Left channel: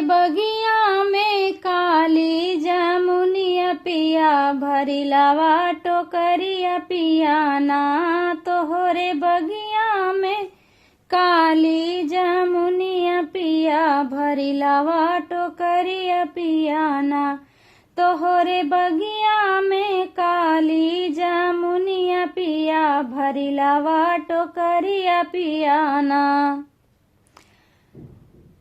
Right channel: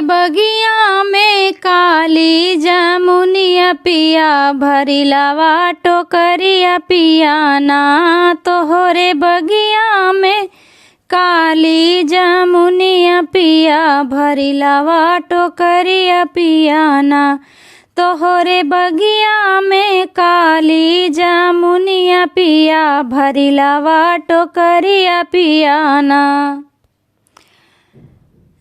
बगिया में काली जामुनिया पिया भरिलावा टोकरिया पिया ना। तोहरे बगिया में काली जामुनिया पिया भरिलावा टोकरिया पिया ना। तोहरे बगिया में काली जामुनिया पिया भरिलावा टोकरिया पिया ना।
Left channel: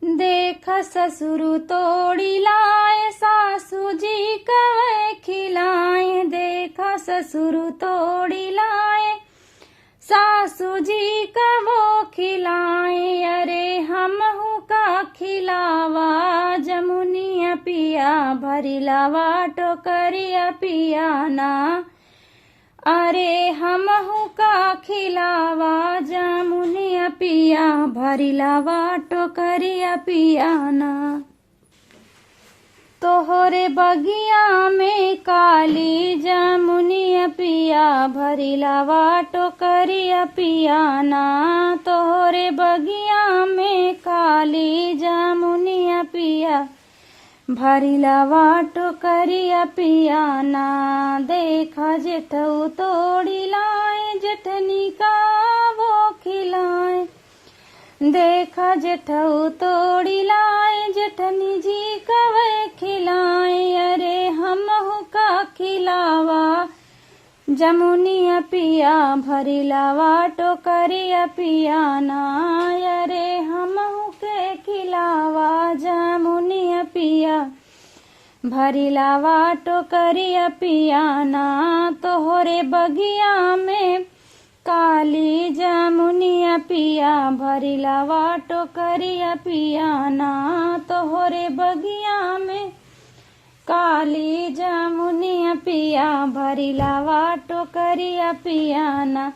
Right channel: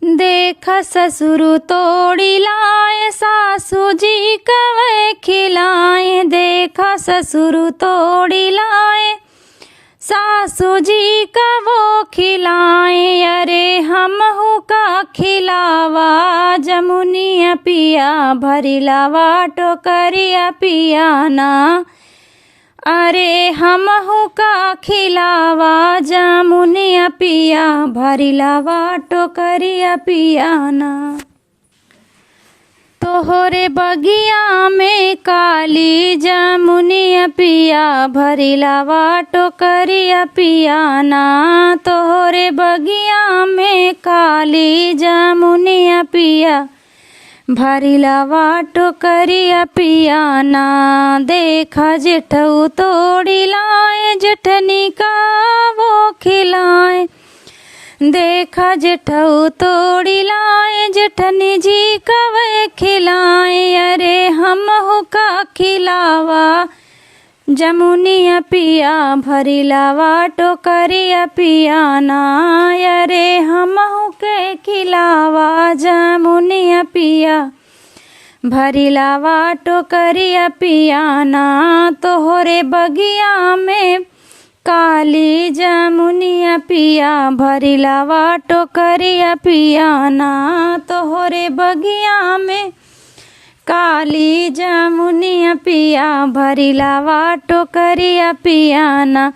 देखा ससुर तोड़ी लाए सासू जी कवे खिलाए। देखा ससुर तोड़ी लाए सासू जी कवो खिलाए। अरे हम हो का खिलावा जमुनिया पिया भरिलावा टोकरिया पिया ना। अरे हम हो का खिलावा जामुनिया पिया भरिलावा टोकरिया पिया ना। तोहरे बगिया में काली जामुनिया पिया भरिलावा टोकरिया पिया ना। तोहरे बगिया में काली जामुनिया पिया भरिलावा टोकरिया पिया ना। देखा जेठऊ तोड़ी लाए जेठनी का वो खिलाए। देखा जेठऊ तोड़ी लाए जेठनी जी कवे खिलाए। अरे हम हो का खिलावा जमुनिया पिया भरिलावा टोकरिया पिया ना। अरे हम हो के खिलावा जमुनिया पिया भरिलावा टोकरिया पिया ना। तोहरे बगिया में काली जामुनिया पिया भरिलावा टोकरिया पिया ना। तोहरे बगिया में काली जामुनिया पिया भरिलावा टोकरिया पिया ना।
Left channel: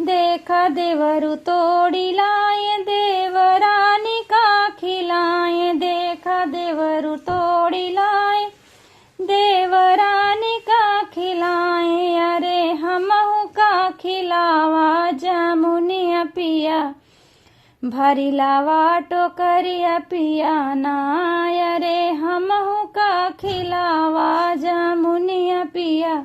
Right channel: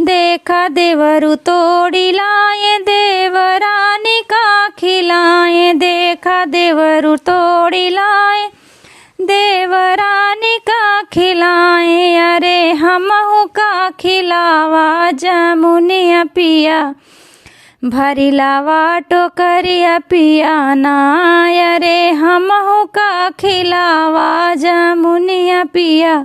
देखा देवरु तोड़ी लाए देवरानी का खिलाए। देखा देवरु तोड़ी लाए देवरानी का खिलाए। अरे हम हो का खिलावा जामुनिया पिया भरिलावा टोकरिया पिया ना। अरे हम हो का खिलावा जामुनिया पिया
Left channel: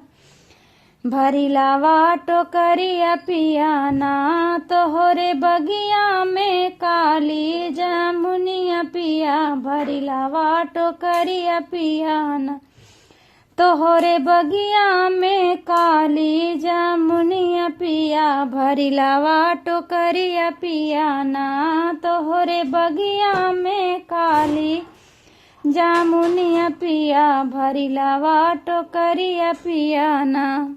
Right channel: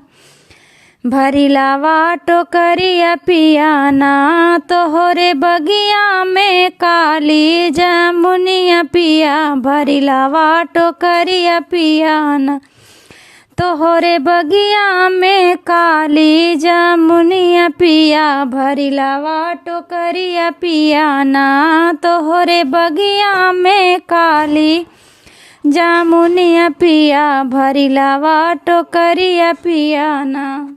भरिलावा टोकरिया पिया ना। तोहरे बगिया में काली जामुनिया पिया भरिलावा टोकरिया पिया ना। तोहरे बगिया में काली जामुनिया पिया भरिलावा टोकरिया पिया ना। तोहरे बगिया में काली जामुनिया पिया भरिलावा टोकरिया पिया ना।